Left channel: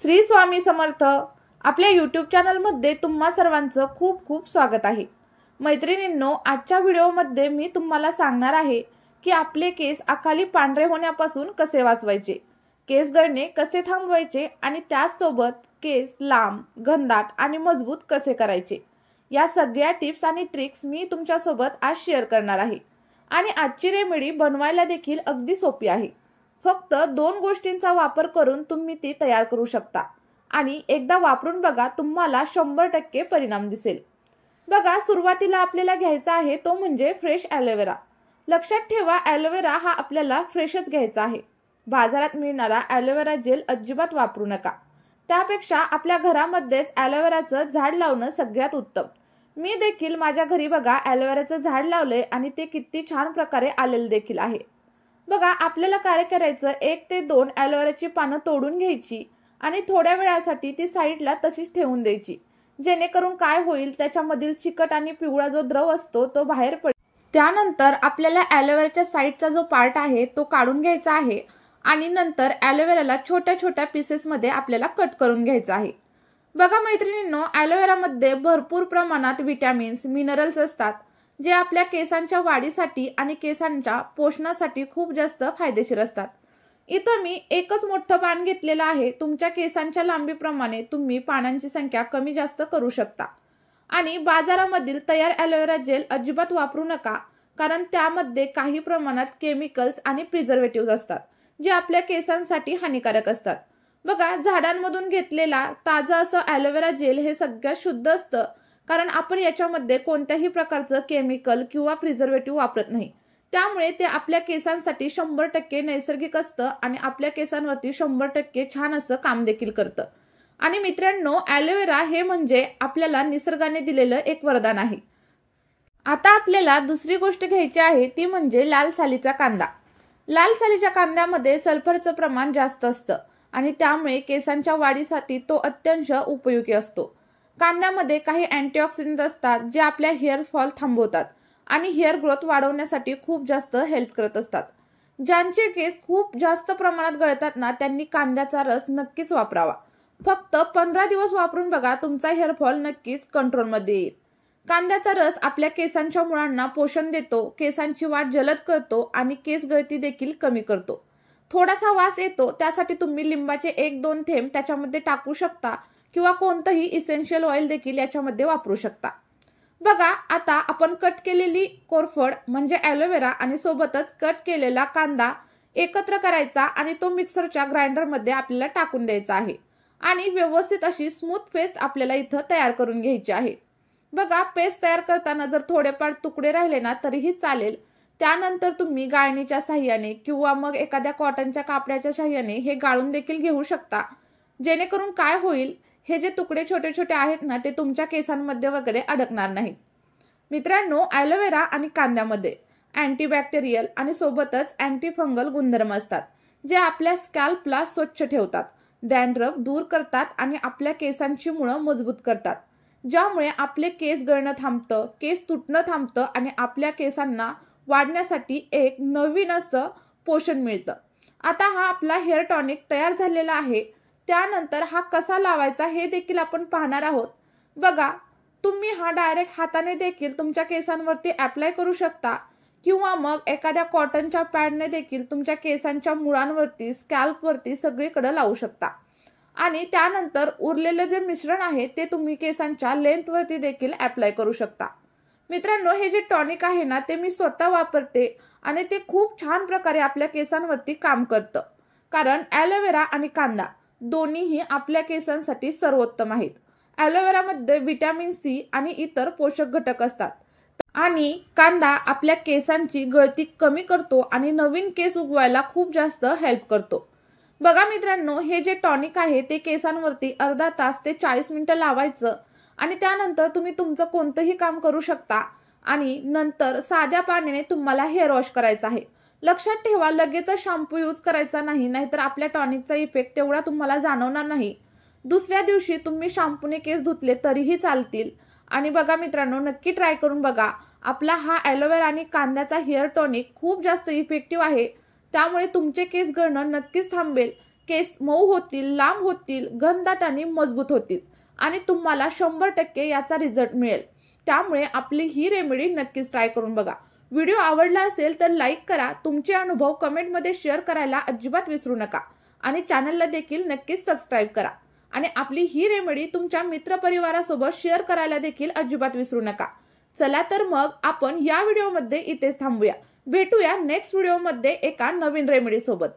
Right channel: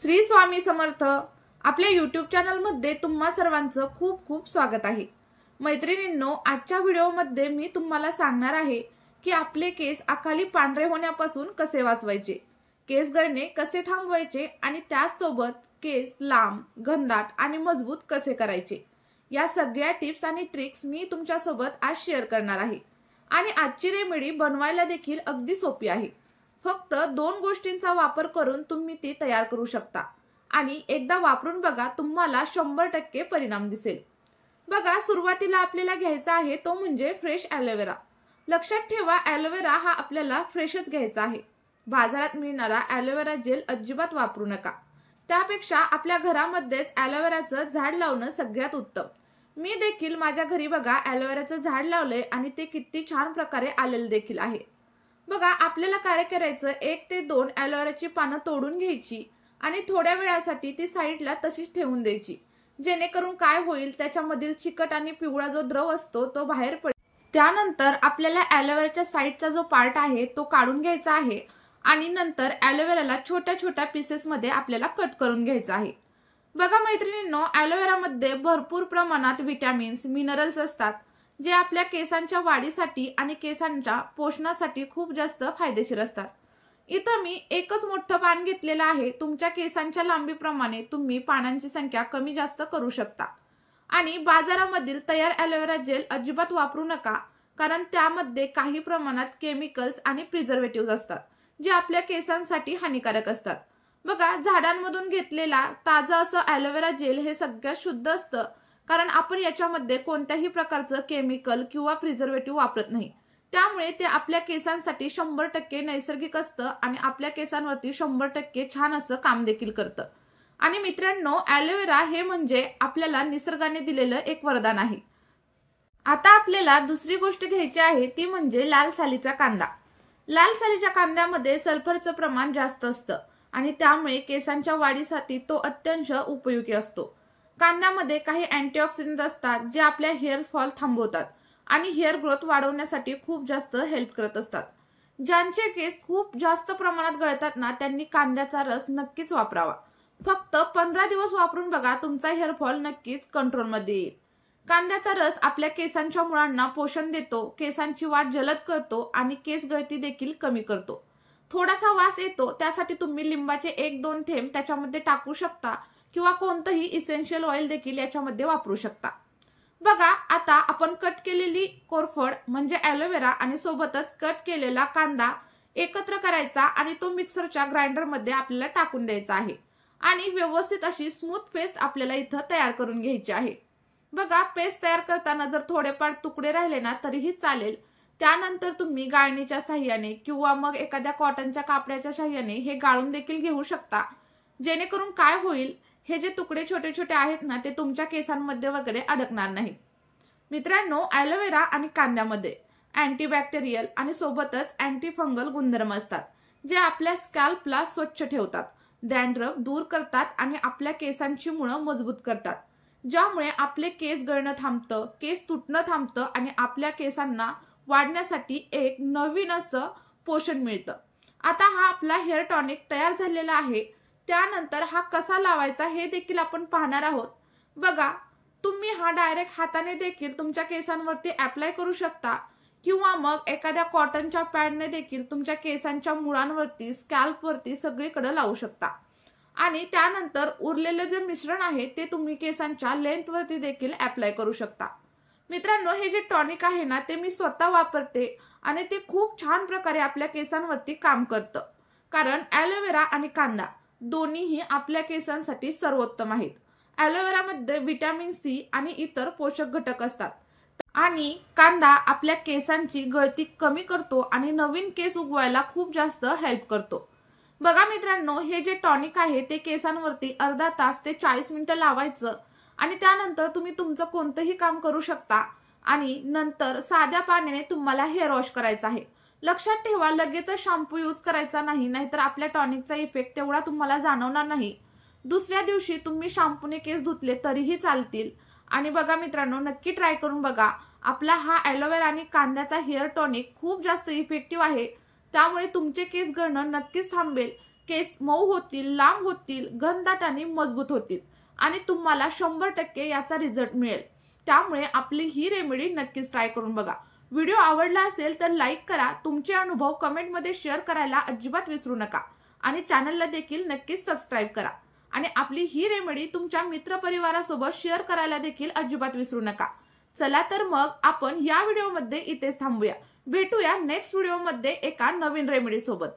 श्री स्वामी समर्थ। आपल्या यूट्यूब चॅनलमध्ये तुम्हा सर्वांचं खूप खूप स्वागत आहे। मैत्रिणींनो, आजच्या व्हिडिओमध्ये मी तुम्हाला सांगणार आहे की आपले केस अकाली पांढरे होण्यापासून कसे वाचवायचे, केस गळणे कसे थांबवायचे आणि त्याचसोबत केस लांब, घनदाट आणि मजबूत कसे करायचे। या सगळ्या टिप्स आणि ट्रिक्स मी तुमच्यासोबत आज शेअर करणार आहे आणि आजची रेमेडी बनवायला देखील अगदी सोपी आहे। फक्त 2 गोष्टींचा वापर करून तुम्ही ती तयार करू शकता आणि एकदा वापरून बघा, तुम्हाला 100% परिणाम दिसेल। बघा, सुरुवातीला आपल्याला घ्यायचा आहे तो म्हणजे फ्रेश ॲलोवेरा। लक्षात ठेवा, ॲलोवेरा हा आपल्याला फ्रेशच घ्यायचा आहे। बाजारात मिळणारा ॲलोवेरा जेल अजिबात वापरू नका। त्यापेक्षा आपल्या घरामध्येच ॲलोवेराचं झाड लावणं सगळ्यात उत्तम। मी देखील माझ्या घरी बघा ॲलोवेराचं झाड लावलंय आणि ते किती छान प्रकारे आलेलं देखील आहे। बघा, आपल्याला काय करायचं, 1 ते 2 ॲलोवेराची पानं तोडून घ्यायची आणि थोड्या वेळासाठी ती साईडला तशीच ठेवून द्यायची, जेणेकरून काय होईल, त्याच्यामधील चिकट आणि पिवळा जो द्रव असतो तो बाहेर पडेल। त्यानंतर आपल्याला ॲलोवेराच्या साईडचा जो पार्ट आहे तो काढून घ्यायचा आहे आणि नंतर ॲलोवेराला छोट्या छोट्या पीसेसमध्ये आपल्याला कट करून घ्यायचा आहे। बघा मैत्रिणींनो, ॲलोवेरामध्ये भरपूर प्रमाणात विटॅमिन्स, मिनरल्स असतात, जे आपल्या केसांच्या वाढीसाठी आणि केसांच्या पोषणासाठी खूप जास्त फायदेशीर असतात। इथं मी एकच मोठं पान घेतलेलं आहे। तुमच्या केसांच्या लांबीप्रमाणे तुम्ही पानांची संख्या कमी जास्त करू शकता। आणि बाजारामधील तयार ॲलोवेरा जेल अजिबात वापरू नका, कारण त्यामध्ये काही प्रमाणात केमिकल्स आणि प्रिझर्वेटिव्ह असतात, जे आपल्या केसांसाठी हानिकारक असतात। बघा, झाडांमधून घेतलेला ताजा असं ॲलोवेरा जेल हे सगळ्यात शुद्ध असतं, कारण आपण याच्यामध्ये कोणत्याही प्रकारचं केमिकल किंवा प्रिझर्वेटिव्ह वापरत नाही। त्यामुळे ते आपल्या केसांसाठी 100% नैसर्गिक असतं आणि आपल्या केसांवरती 100% छान असं काम देखील करतं। आणि मित्रांनो, ॲलोवेरा हे म्हणजे आपल्याला निसर्गाने दिलेलं एक वरदान आहे। आता आपल्याला दुसरी गोष्ट घ्यायची आहे ती म्हणजे लाल सालीचा कांदा। लाल सालीच्या कांद्यामध्ये सल्फरचं प्रमाण जास्त असतं आणि त्यामुळे केसांच्या वाढीसाठी तो अत्यंत उपयोगी असतो। कांद्यामध्ये काही अँटीऑक्सिडंट असतात, जे आपल्या हेअर फॉल थांबवतात आणि हेअर ग्रोथ वाढवण्यासाठी खूप जास्त हेल्प करत असतात। ज्यांचे केस खूप जास्त प्रमाणात गळतात ना, त्यांनी कांद्याचा रस नक्कीच वापरावा। फक्त 15 दिवस वापरून बघा, तुमचा हेअर फॉल नक्कीच कंट्रोलमध्ये येईल। कांद्याचा रस आपल्या केसांच्या मुळांना पोषण देतो, केसांची वाढ जलद करतो आणि केस गळती देखील कमी करतो। थोडासा वास येतो, त्यासाठी तुम्ही लिंबाचे 1-2 थेंब त्याच्यामध्ये टाकू शकता किंवा कोणतंही इसेन्शियल ऑइल देखील याच्यामध्ये वापरू शकता। बघा, आता आपण कट केलेली कोरफड म्हणजे ॲलोवेरा आणि सोबतच कट केलेला कांदा एकत्र करायचा आणि तो मिक्सरच्या ग्राइंडरमध्ये आपल्याला टाकून द्यायचा आहे आणि व्यवस्थित अशी स्मूथ पेस्ट आपल्याला इथं तयार करून घ्यायची आहे। बघा, पेस्ट तयार करताना जर थोडेफार तुकडे राहिले ना तरीही चालेल। त्यानंतर तुम्ही गाळणीच्या साहाय्याने किंवा मग एखाद्या कॉटनच्या कापडाच्या साहाय्याने हे गाळून देखील घेऊ शकता, जेणेकरून काय होईल, हे जे तुकडे छोटे छोटे आहेत ना, ते तुमच्या केसांमध्ये वगैरे अडकणार नाहीत। मित्रांनो, ॲलोवेरा आणि कांद्यामध्ये अँटीबॅक्टेरियल आणि सोबतच अँटी फंगल गुणधर्म असतात, जे आपल्या स्कॅल्पला स्वच्छ ठेवतात, डॅन्ड्रफ दूर करतात आणि आपल्या केसांची मुळं मजबूत करतात, ज्यामुळे आपले केस गळणं थांबतं, केस तुटणं थांबतं आणि आपल्या केसांना वाढण्यासाठी एक नवीन असं पोषण मिळतं। आता हा आपला हेअर टॉनिक तयार झालेला आहे। त्यानंतर हा कसा लावायचा हे देखील आपण पाहणार आहोत। बघा, तुम्ही हा डायरेक्ट हाताने देखील तुमच्या केसांवरती अप्लाय करू शकता किंवा मग एखाद्या कॉटनच्या पॅडने देखील तुमच्या केसांच्या मुळांवरती, स्कॅल्पवरती सगळीकडे लावू शकता आणि त्यानंतर उरलेलं जे मिश्रण आहे ते तुम्ही केसांच्या लेंथवरती देखील अप्लाय करू शकता। मित्रांनो, हे जे टॉनिक आहे ना, ते मी स्वतः वापरते आणि ते खूप छान प्रकारे आपल्या केसांवरती काम करतं, कारण ॲलोवेरा आणि कांदा दोन्हीही आपल्या केसांसाठी सर्वोत्तम आहेत। ॲलोवेरामध्ये व्हिटॅमिन सी आणि इतर पोषक घटक असतात आणि कांदा आपल्या केसांची गळती कमी करतो आणि नवीन केस उगवायला खूप जास्त हेल्प करतो। बघा मित्रांनो, हे जे टॉनिक आहे ते केसांवरती अर्धा तास ते 40 मिनिटं लावायचं आणि त्यानंतर तुम्ही तुमचं कोणतंही काम करू शकता आणि नंतर साध्या पाण्याने तुम्हाला हेअर वॉश करायचं आहे। लक्षात ठेवा, लगेच शॅम्पू यूज करायचा नाही, नाहीतर आपल्या टॉनिकचा इफेक्ट तेवढा तुम्हाला जाणवणार नाही। दुसऱ्या दिवशी तुम्ही शॅम्पूने केस धुतले तरीही चालतील। आणि बघा मित्रांनो, नक्की ट्राय करून बघा। आपला हा ॲलोवेरा आणि कांद्याचा हेअर टॉनिक खूप जास्त इफेक्टिव्ह आहे, त्यामुळे तुमचे केस गळणं नक्कीच थांबेल। केस मऊ होतील, लांब होतील, घनदाट आणि मजबूत होतील आणि तुम्हाला 100% याचा रिझल्ट मिळेल। त्यामुळे आपली ही रेमेडी नक्कीच ट्राय करून बघा। व्हिडिओ आवडला असेल तर लाईक करा, तुमचे अनुभव कमेंटमध्ये शेअर करायला अजिबात विसरू नका आणि चॅनलला देखील नक्कीच सबस्क्राईब करा आणि आपली ही रेमेडी तुमच्या मित्रपरिवारासोबत शेअर करायला देखील अजिबात विसरू नका। चला तर मग आपण या व्हिडिओमध्ये इथेच थांबूया। भेटूया नेक्स्ट व्हिडिओमध्ये एका नवीन रेमेडी सोबत।